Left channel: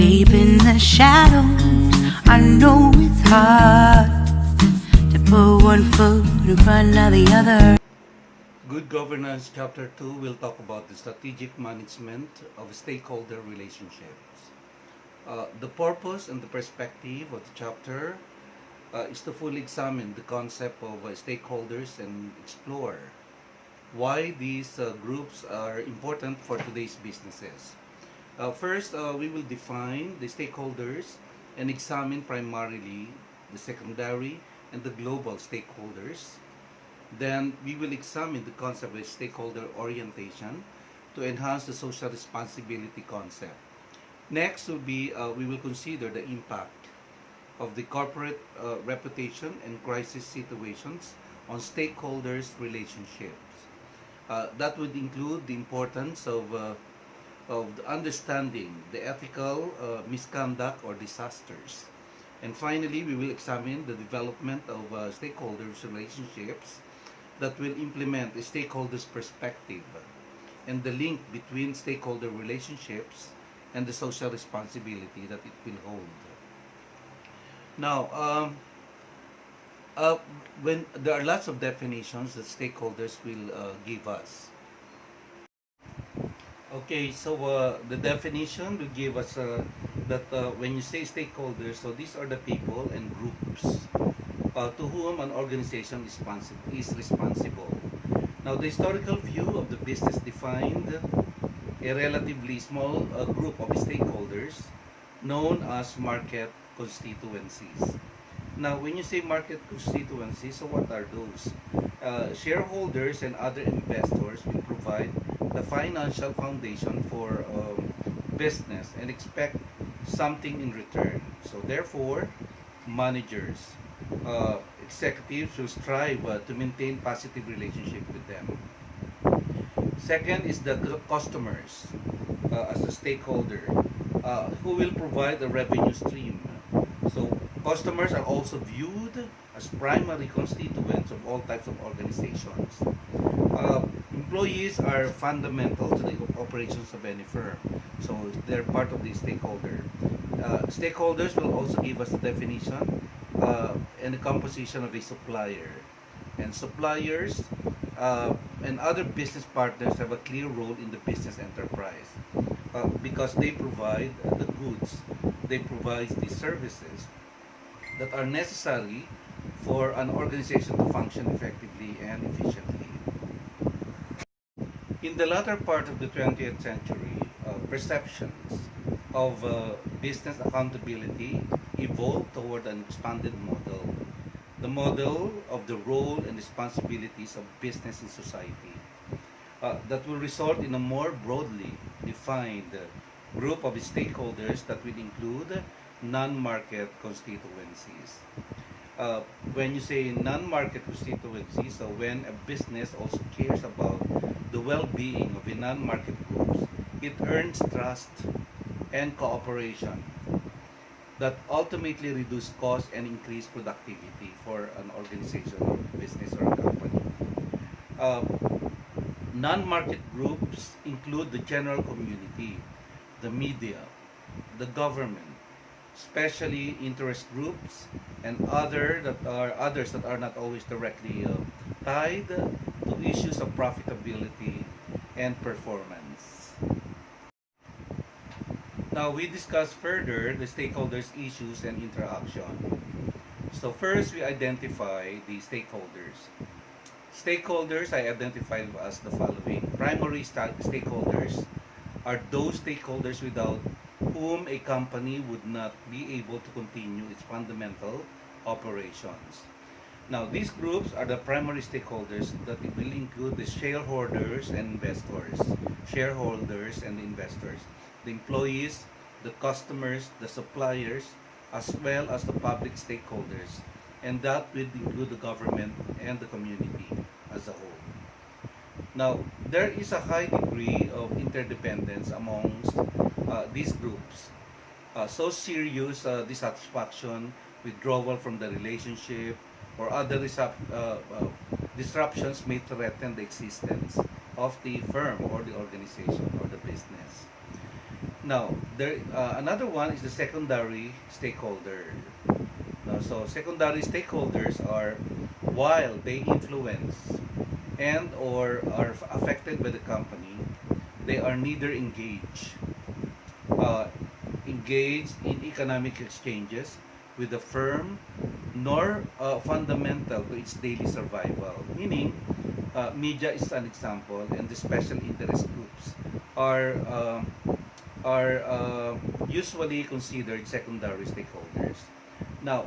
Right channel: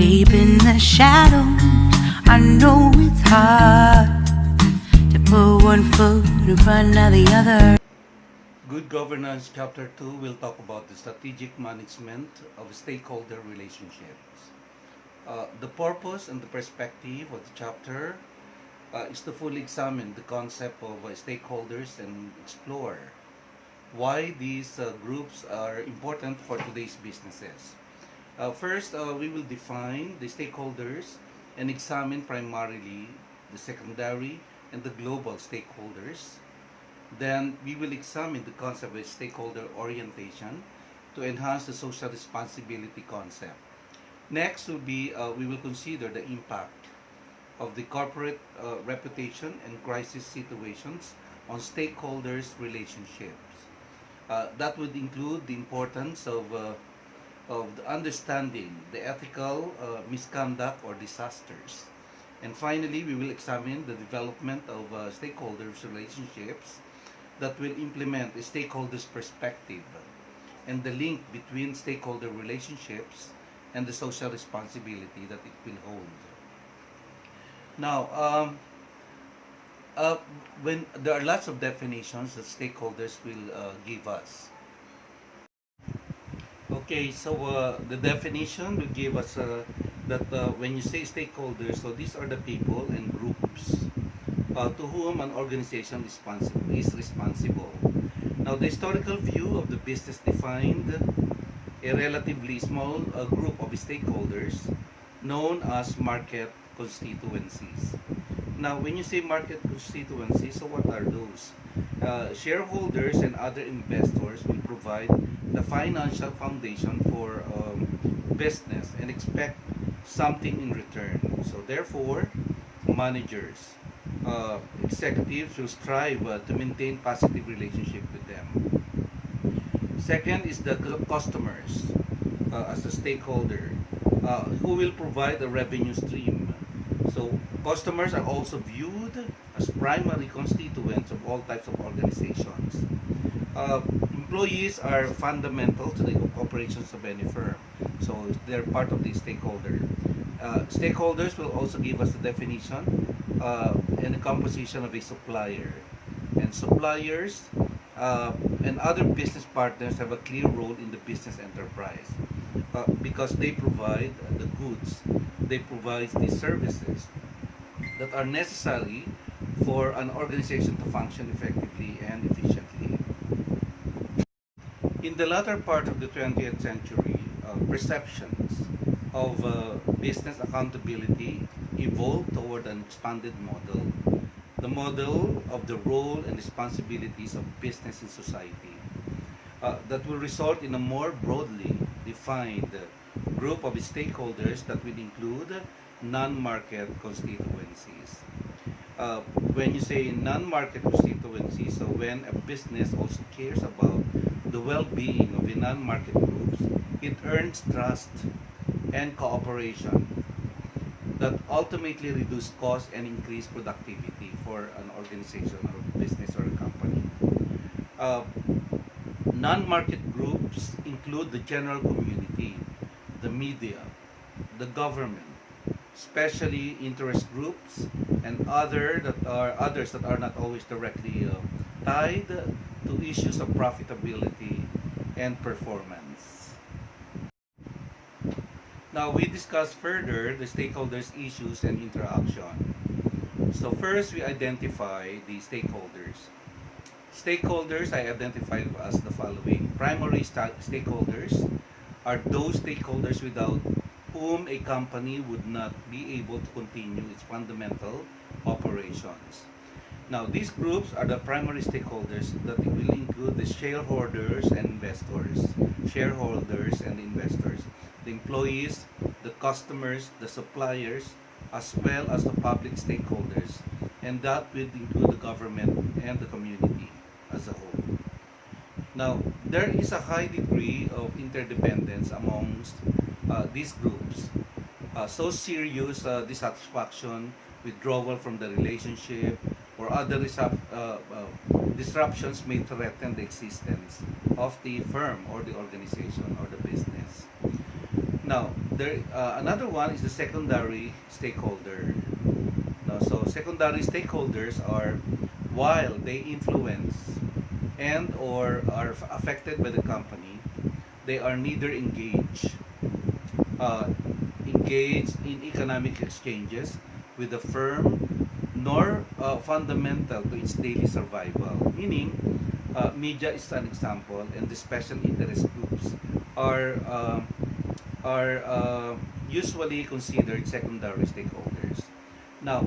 Deep in the shadows, I know it's hard to put one foot in front of the other. Good Governance Chapter 2 will talk about the strategic management of stakeholder relationships. The purpose and the perspective of the chapter is to fully examine the concept of stakeholders and explore why these groups are important for today's businesses. First, we will define the stakeholders and examine primarily the secondary and the global stakeholders. Then we will examine the concept of stakeholder orientation to enhance the social responsibility concept. Next will be we will consider the impact of the corporate reputation and crisis situations on stakeholders' relationships. That would include the importance of the understanding the ethical misconduct or disasters. And finally, we will examine the development of stakeholders' relationships that will implement a stakeholder's perspective and the link between stakeholder relationships and the social responsibility that it will hold. Now, when there are lots of definitions that stakeholders will give us. Okay, so the definition will give us that when you say stakeholders, so these are the people and groups to whom an organization is responsible. Now, the historical view of the business defined a relatively small group of stakeholders known as market constituencies. Now, when you say market constituencies, so what are those? Shareholders and other investors will provide the financial foundation for business and expect something in return. So, therefore, managers, executives will strive to maintain positive relationship with them. Second is the customers as a stakeholder who will provide a revenue stream. So customers are also viewed as primary constituents of all types of organizations. Employees are fundamental to the operations of any firm, so they're part of the stakeholder. Stakeholders will also give us a definition and the composition of a supplier. And suppliers and other business partners have a clear role in the business enterprise because they provide the goods, they provide the services that are necessary for an organization to function effectively and efficiently. In the latter part of the 20th century, perceptions of business accountability evolved toward an expanded model, the model of the role and responsibilities of business in society, that will result in a more broadly defined group of stakeholders that will include non-market constituencies. When you say non-market constituencies, so when a business also cares about the well-being of the non-market groups, it earns trust and cooperation that ultimately reduce cost and increase productivity for an organization or business or a company. Non-market groups include the general community, the media, the government, especially interest groups, and others that are not always directly tied to issues of profitability and performance. Now we discuss further the stakeholders' issues and interaction. So first we identify the stakeholders. Stakeholders I identify as the following. Primary stakeholders are those stakeholders without whom a company would not be able to continue its fundamental operations. Now, these groups are the primary stakeholders that will include the shareholders and investors, the employees, the customers, the suppliers, as well as the public stakeholders, and that will include the government and the community as a whole. Now, there is a high degree of interdependence amongst these groups. So serious dissatisfaction, withdrawal from the relationship, or other disruptions may threaten the existence of the firm or the organization or the business. Now, there another one is the secondary stakeholder. Now, so secondary stakeholders are, while they influence and or are affected by the company, they are neither uh, engaged in economic exchanges with the firm nor fundamental to its daily survival. Meaning, media is an example, and the special interest groups are um, are usually considered secondary stakeholders. Now,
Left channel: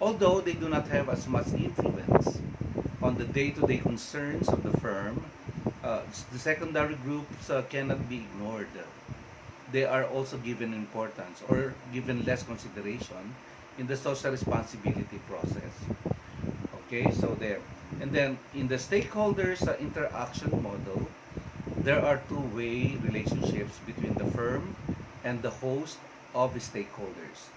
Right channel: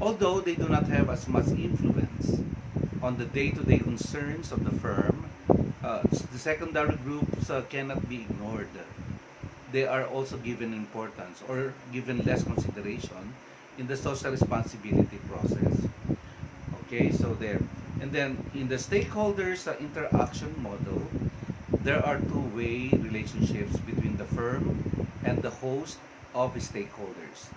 although they do not have as much influence on the day-to-day concerns of the firm, the secondary groups cannot be ignored. They are also given importance or given less consideration in the social responsibility process. Okay, so there. And then in the stakeholders interaction model, there are two-way relationships between the firm and the host of stakeholders.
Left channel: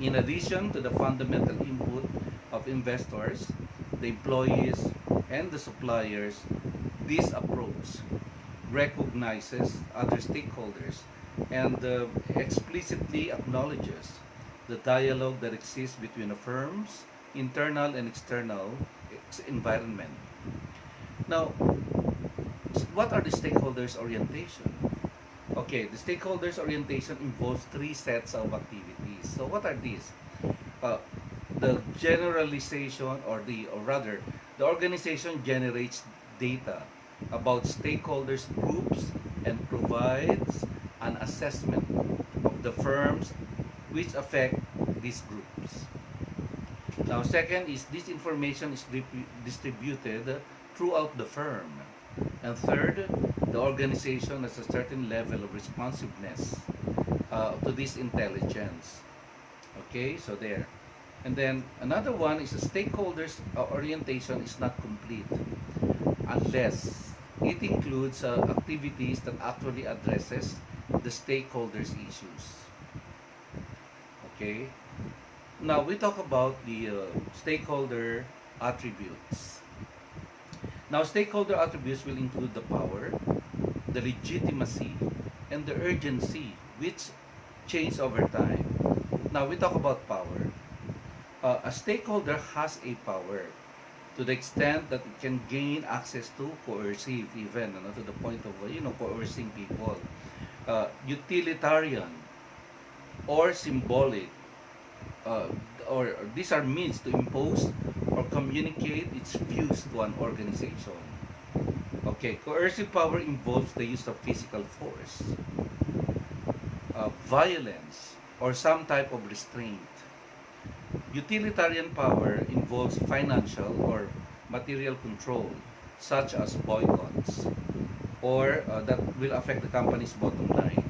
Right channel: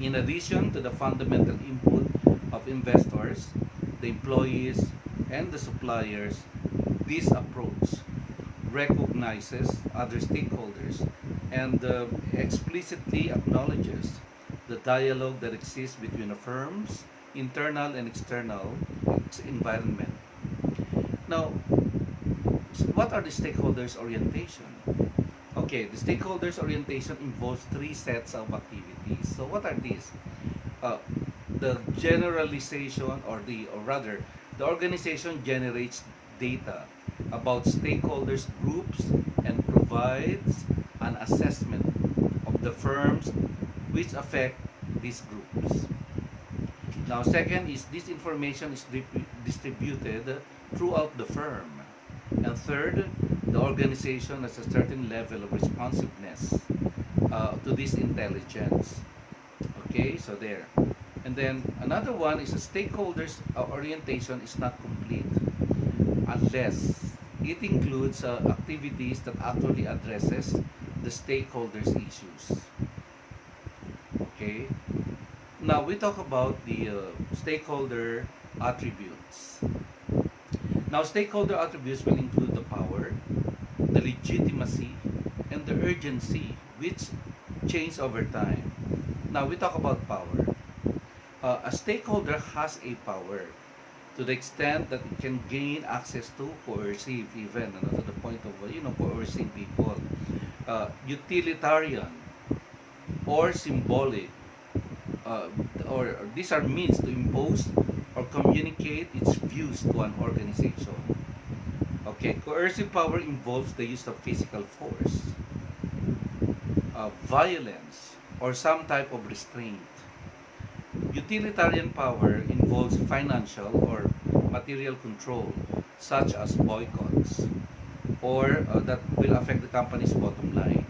In addition to the fundamental input of investors, the employees, and the suppliers, this approach recognizes other stakeholders and explicitly acknowledges the dialogue that exists between a firm's internal and external environment. Now, what are the stakeholders' orientation? Okay, the stakeholders' orientation involves three sets of activities. So, what are these? Uh, the generalization, or rather, the organization generates data about stakeholders groups and provides an assessment of the firms which affect these groups. Now, second is this information is distributed throughout the firm. And third, the organization has a certain level of responsiveness to this intelligence. Okay, so there. And then another one is the stakeholders orientation is not complete unless it includes activities that actually addresses the stakeholders issues. Okay. Now we talk about the stakeholder attributes. Now, stakeholder attributes will include the power, the legitimacy, and the urgency, which change over time. Now, we talk about power. A stakeholder has a power to the extent that it can gain access to coercive, even to the point of coercing people, utilitarian or symbolic, or these are means to impose or communicate its views to an organization. Okay, coercive power involves the use of physical force, violence, or some type of restraint. Utilitarian power involves financial or material control, such as boycotts, or that will affect the company's bottom line.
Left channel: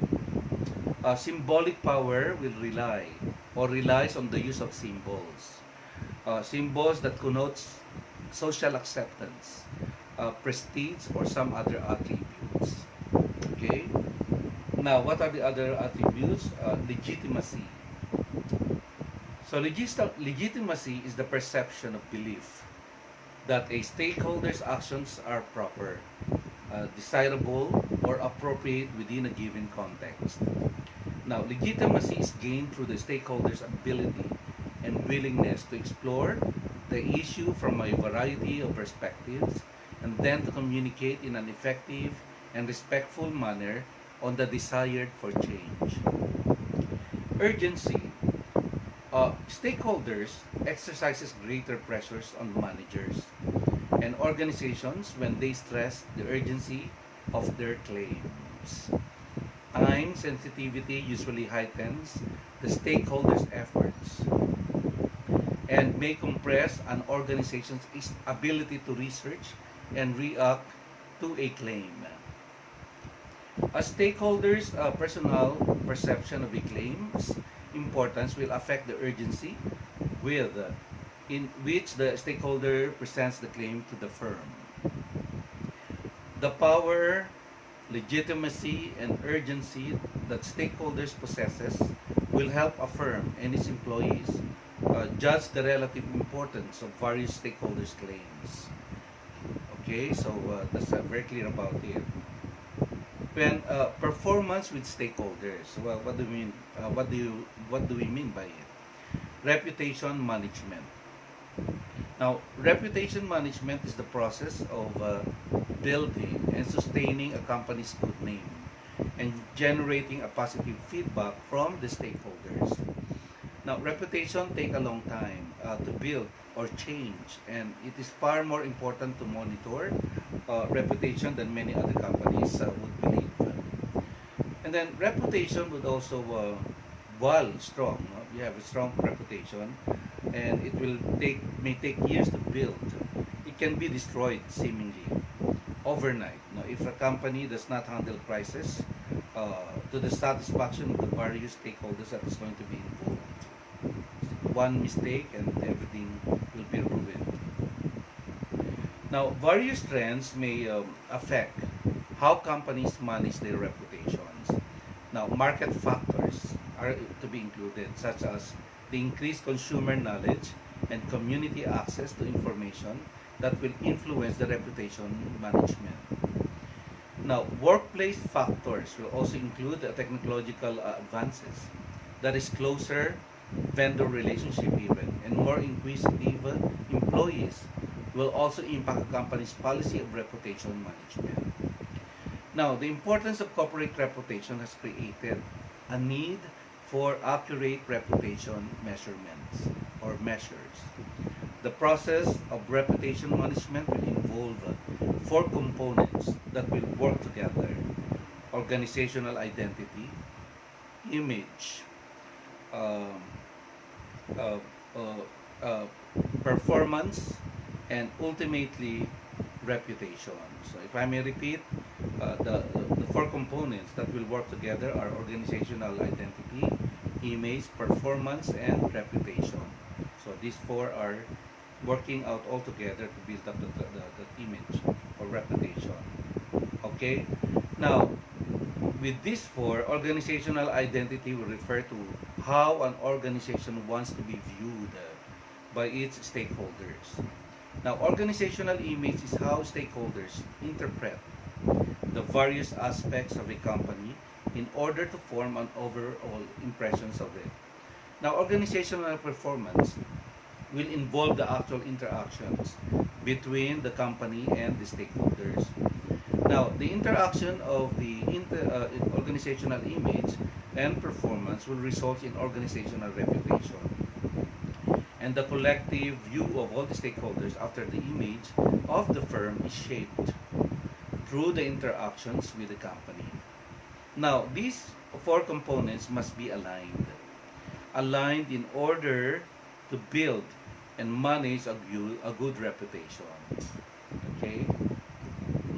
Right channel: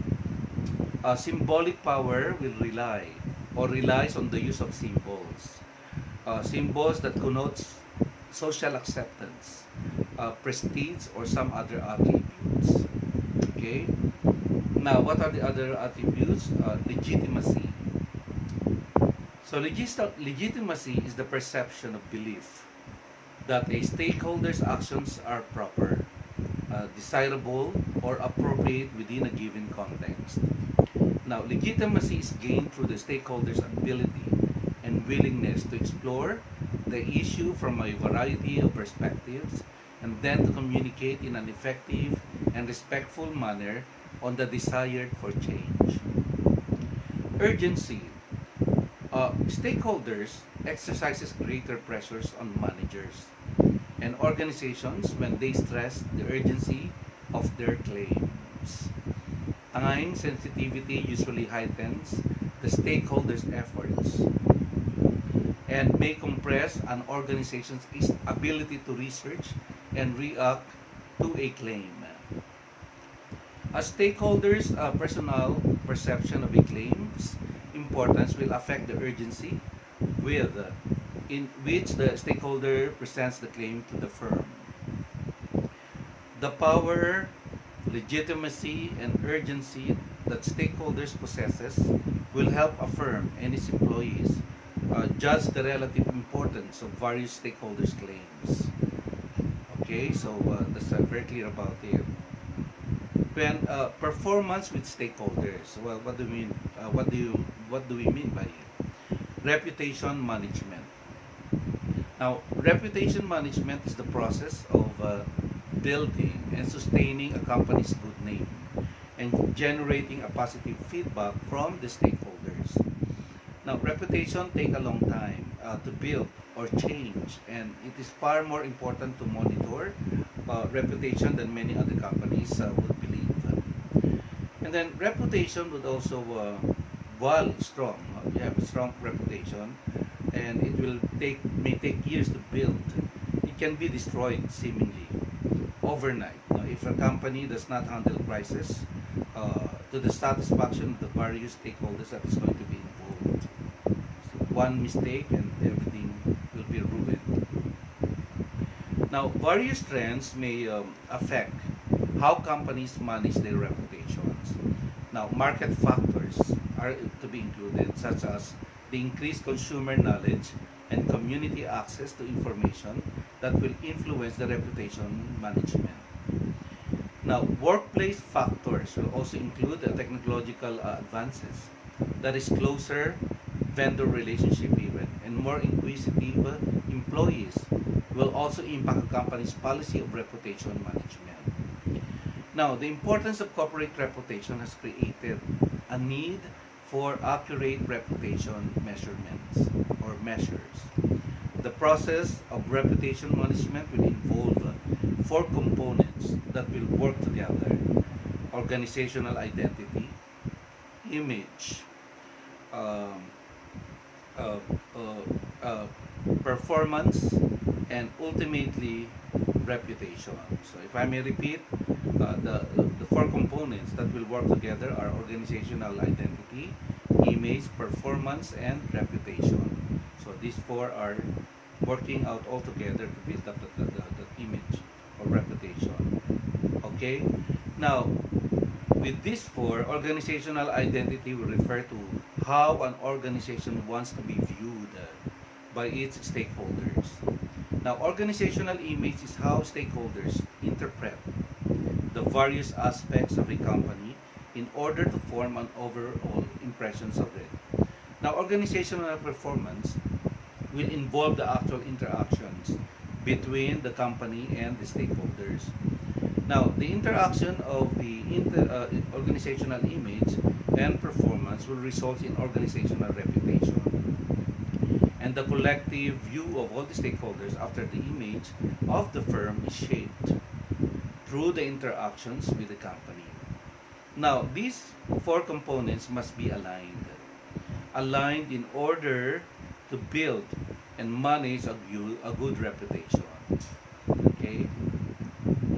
Symbolic power will relies on the use of symbols. Symbols that connotes social acceptance, prestige, or some other attributes. Okay? Now, what are the other attributes? Legitimacy. So, legitimacy is the perception of belief that a stakeholder's actions are proper, desirable, or appropriate within a given context. Now, legitimacy is gained through the stakeholder's ability and willingness to explore the issue from a variety of perspectives and then to communicate in an effective and respectful manner on the desired for change. Urgency. Stakeholders exercises greater pressures on managers and organizations when they stress the urgency of their claims. Time sensitivity usually heightens the stakeholders' efforts and may compress an organization's ability to research and react to a claim. A stakeholder's personal perception of a claim's importance will affect the urgency with in which the stakeholder presents the claim to the firm. The power, legitimacy, and urgency that stakeholders possesses will help a firm and its employees judge the relative importance of various stakeholders' claims. Okay, so that's very clear about it. When performance with stakeholders. Well, what do we mean? What do we mean by it? Reputation management. Now, reputation management is the process of building and sustaining a company's good name and generating a positive feedback from the stakeholders. Now, reputation take a long time to build or change, and it is far more important to monitor reputation than many other companies would believe. And then reputation would also, while strong, you have a strong reputation, and it may take years to build. It can be destroyed seemingly overnight. If a company does not handle crisis to the satisfaction of the various stakeholders that is going to be involved. One mistake and everything will be ruined. Now, various trends may affect how companies manage their reputations. Now, market factors are to be included, such as the increased consumer knowledge and community access to information that will influence the reputation management. Now, workplace factors will also include the technological advances, that is closer vendor relationship even, and more inquisitive employees will also impact a company's policy of reputation management. Now, the importance of corporate reputation has created a need for accurate reputation measurements or measures. The process of reputation management will involve four components that will work together: organizational identity, image, um, uh, uh, uh, performance, and ultimately reputation. So if I may repeat, the four components that will work together are organizational identity, image, performance, and reputation. So these four are working out all together to build up the image or reputation. Okay? Now, with these four, organizational identity will refer to how an organization wants to be viewed by its stakeholders. Now, organizational image is how stakeholders interpret the various aspects of a company in order to form an overall impressions of it. Now, organizational performance will involve the actual interactions between the company and the stakeholders. Now, the interaction of the organizational image and performance will result in organizational reputation. And the collective view of all the stakeholders after the image of the firm is shaped through the interactions with the company. Now, these four components must be aligned in order to build and manage a good reputation. Okay?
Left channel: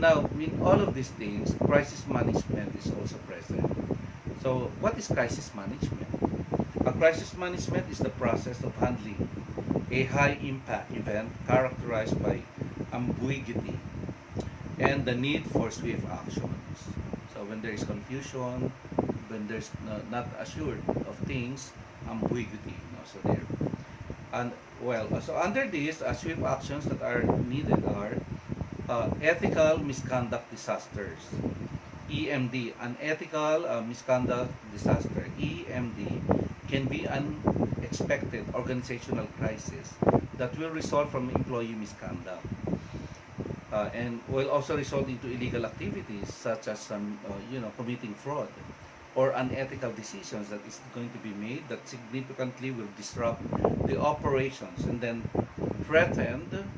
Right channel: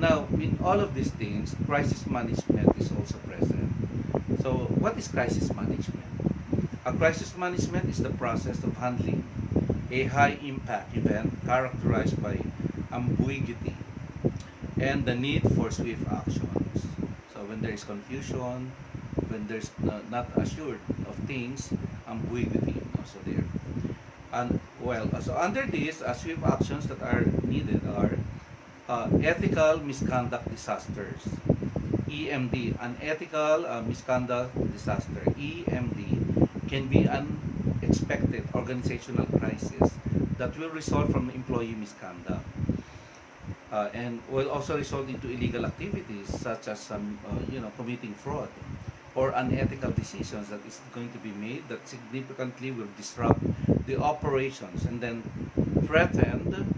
Now, in all of these things, crisis management is also present. So, what is crisis management? A crisis management is the process of handling a high-impact event characterized by ambiguity and the need for swift actions. So, when there is confusion, when there's not assured of things, ambiguity. So there. And well, so under this, swift actions that are needed are ethical misconduct disasters, EMD. Unethical misconduct disaster, EMD, can be unexpected organizational crisis that will result from employee misconduct and will also result into illegal activities such as committing fraud or unethical decisions that is going to be made that significantly will disrupt the operations and then threaten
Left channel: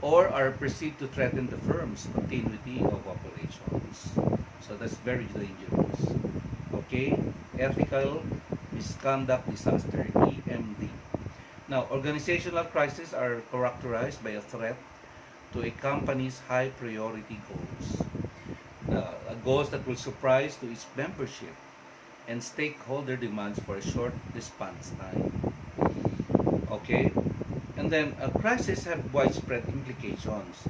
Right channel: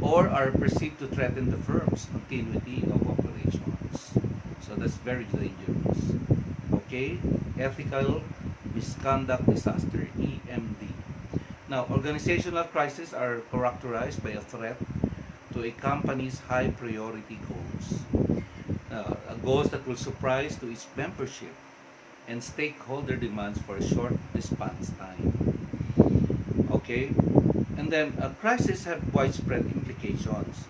or are perceived to threaten the firm's continuity of operations. So that's very dangerous. Okay? Ethical misconduct disaster, EMD. Now, organizational crises are characterized by a threat to a company's high priority goals. Goals that will surprise to its membership and stakeholder demands for a short response time. Okay? And then crises have widespread implications,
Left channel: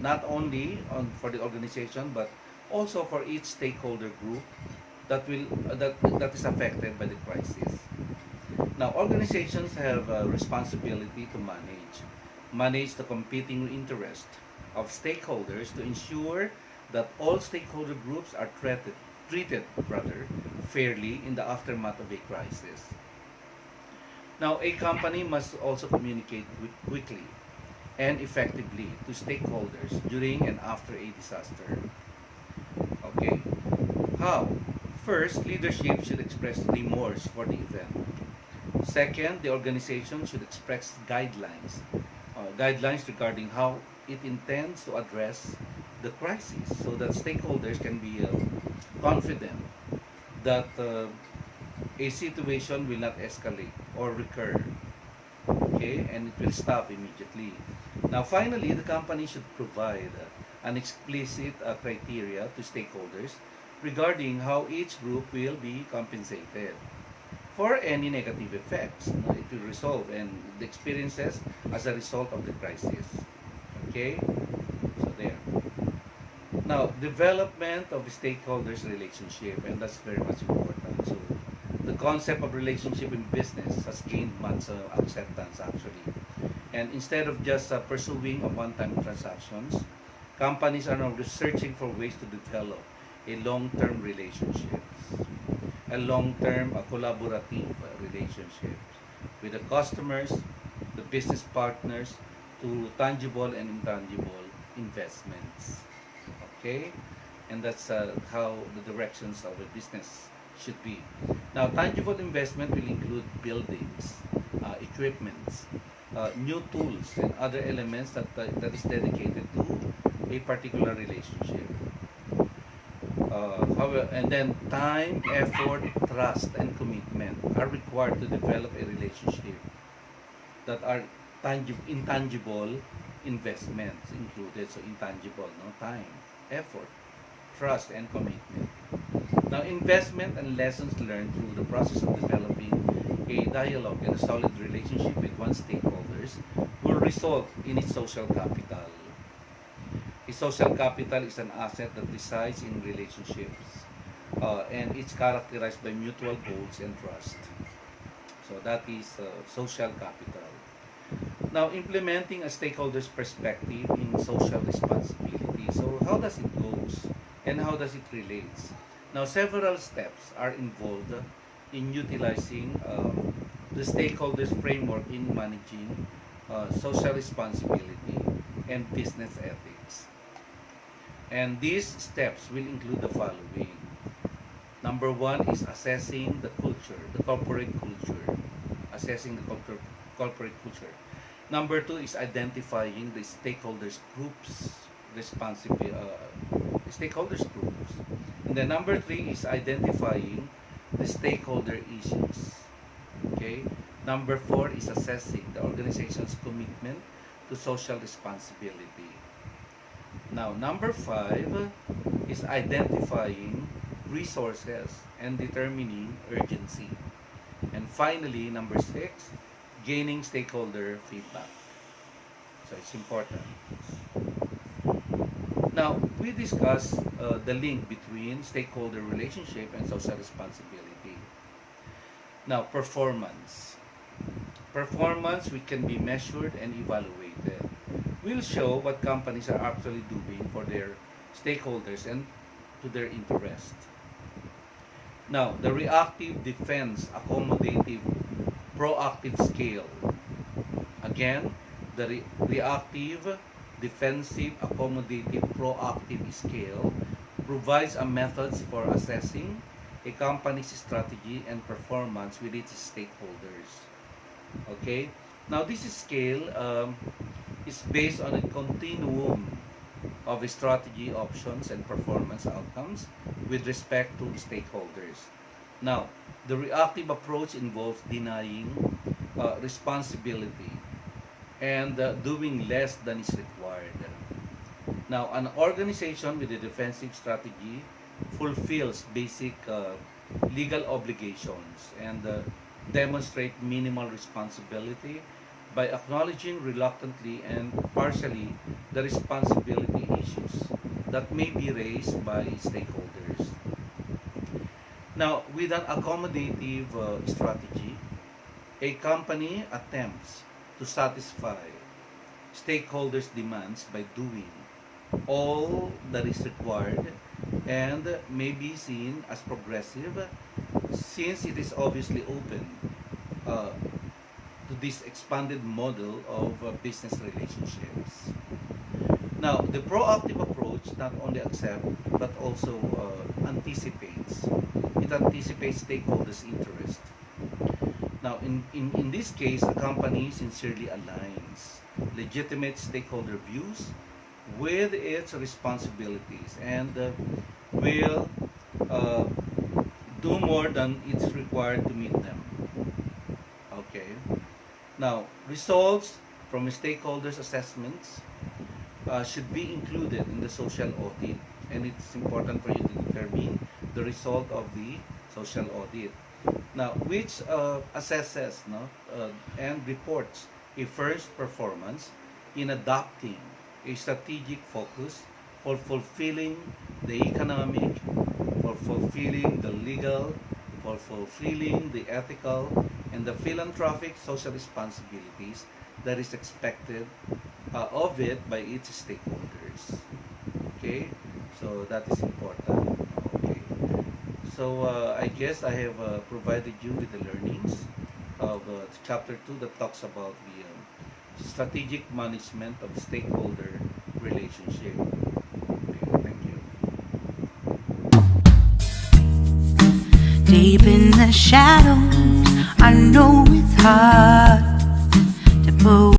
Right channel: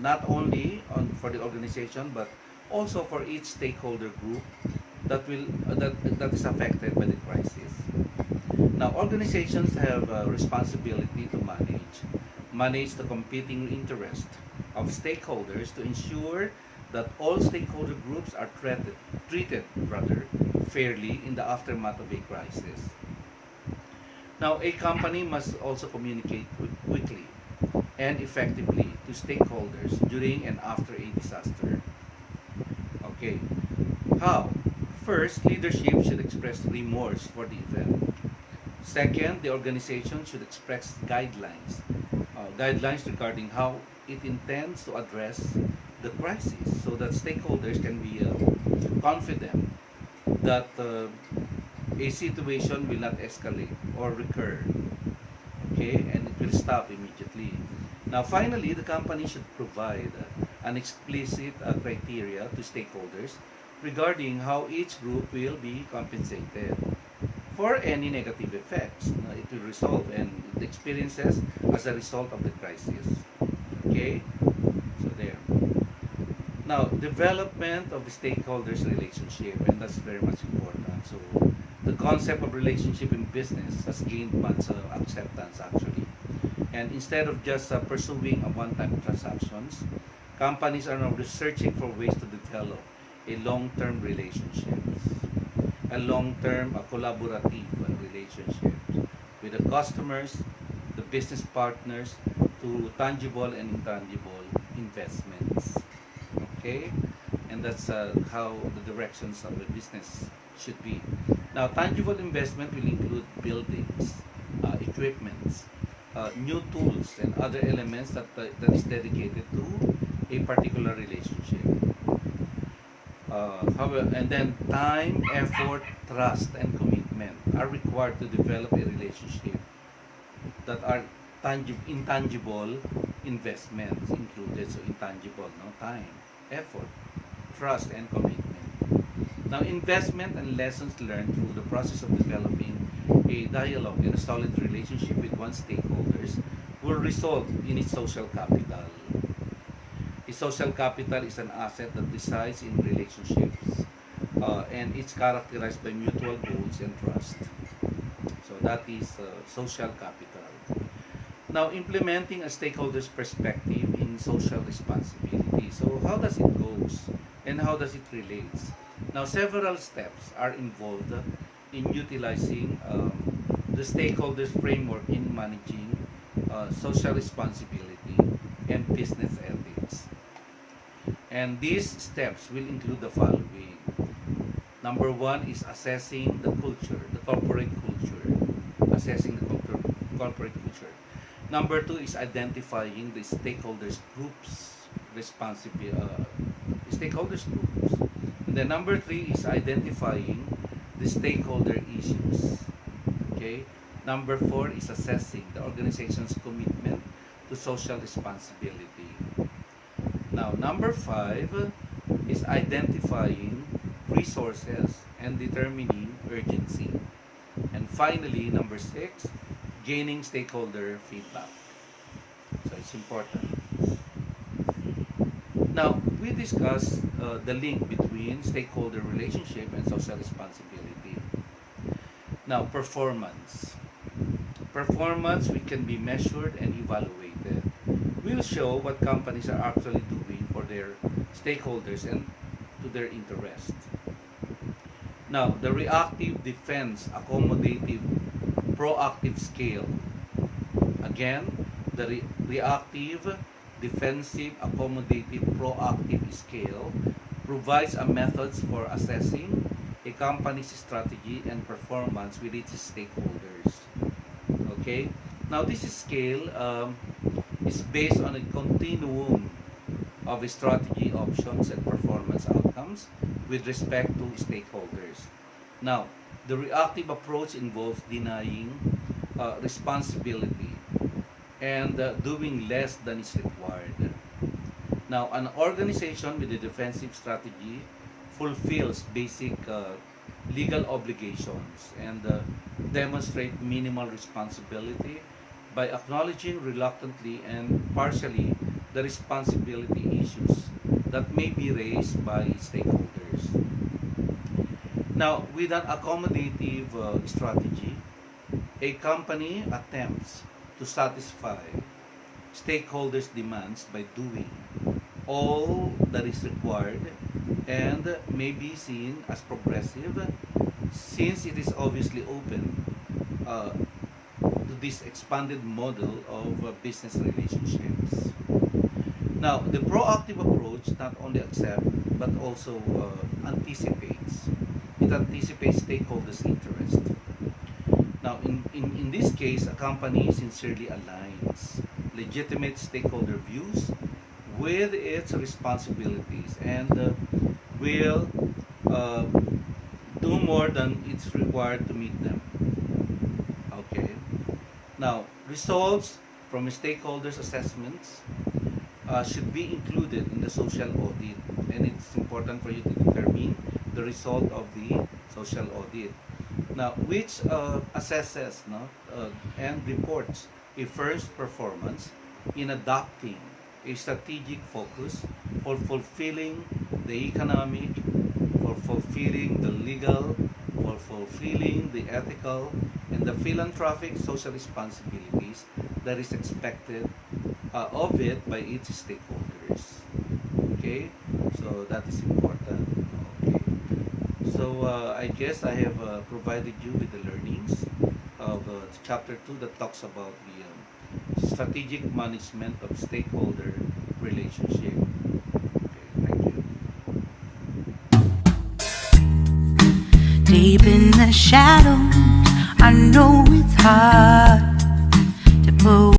not only for the organization but also for each stakeholder group that is affected by the crisis. Now, organizations have a responsibility to manage the competing interest of stakeholders to ensure that all stakeholder groups are treated rather fairly in the aftermath of a crisis. Now, a company must also communicate quickly and effectively to stakeholders during and after a disaster. Okay, how? First, leadership should express remorse for the event. Second, the organization should express guidelines regarding how it intends to address the crisis so that stakeholders can be confident that a situation will not escalate or recur, okay, and it will stop immediately. Now, finally, the company should provide an explicit criteria to stakeholders regarding how each group will be compensated for any negative effects it will resolve and the experiences as a result of the crisis. Okay, so there. Now, development of the stakeholders relationship, and that's very much important. So, the concept of relationship in business has gained much acceptance actually. And instead of just pursuing a one-time transactions, companies are now researching for ways to develop a long-term relationships, a long-term collaborative relationships with the customers, the business partners, to tangible and intangible investments. Okay, and that's how the directions of the business should be. Now, tangible investment will include buildings, equipments, new tools, and other elements that is dedicated to a particular relationship. And then time, effort, trust, and commitment are required to develop a relationship that are intangible investments included. So intangible, no, time, effort, trust, and commitment. Now, investment and lessons learned through the process of developing a dialogue and a solid relationship with one's stakeholders will result in its social capital. A social capital is an asset that resides in relationships and it's characterized by mutual goals and trust. So that is social capital. Now, implementing a stakeholder's perspective in social responsibility. So how does it goes and how does it relates? Now, several steps are involved in utilizing the stakeholders framework in managing social responsibility and business ethics. And these steps will include the following. Number one is assessing the culture, the corporate culture. Assessing the corporate culture. Number two is identifying the stakeholders groups, stakeholders groups. And then number three is identifying the stakeholder issues. Okay. Number four is assessing the organization's commitment to social responsibility. Now, number five is identifying resources and determining urgency. And finally, number six, gaining stakeholder feedback. So it's important. Now, we discussed the link between stakeholder relationship and social responsibility. Now, performance. Performance, which can be measured and evaluated, will show what companies are actually doing for their stakeholders and to their interest. Now, the reactive, defense, accommodative, proactive scale. Again, the reactive, defensive, accommodative, proactive scale provides a methods for assessing a company's strategy and performance with its stakeholders. Okay? Now, this scale is based on a continuum of strategy options and performance outcomes with respect to stakeholders. Now, the reactive approach involves denying responsibility and doing less than is required. Now, an organization with a defensive strategy fulfills basic legal obligations and demonstrate minimal responsibility by acknowledging reluctantly and partially the responsibility issues that may be raised by stakeholders. Now, with an accommodative strategy, a company attempts to satisfy stakeholders' demands by doing all that is required and may be seen as progressive since it is obviously open uh, to this expanded model of business relationships. Now, the proactive approach not only accepts but also anticipates. It anticipates stakeholders' interest. Now, in this case, a company sincerely aligns legitimate stakeholder views with its responsibilities and will uh, do more than it's required to meet them. Okay. Now, results from stakeholders' assessments should be included in the social audit, and it's important for you to determine the result of the social audit. Now, which assesses and reports a firm's performance in adopting a strategic focus for fulfilling the economic, for fulfilling the legal, for fulfilling the ethical and the philanthropic social responsibilities that is expected of it by its stakeholders. Okay, so that is important. Okay, so I guess I have provided you with the learnings of chapter 2 that talks about the strategic management of stakeholder relationship. Okay, thank you. Deep in the shadows, I know it's hard to put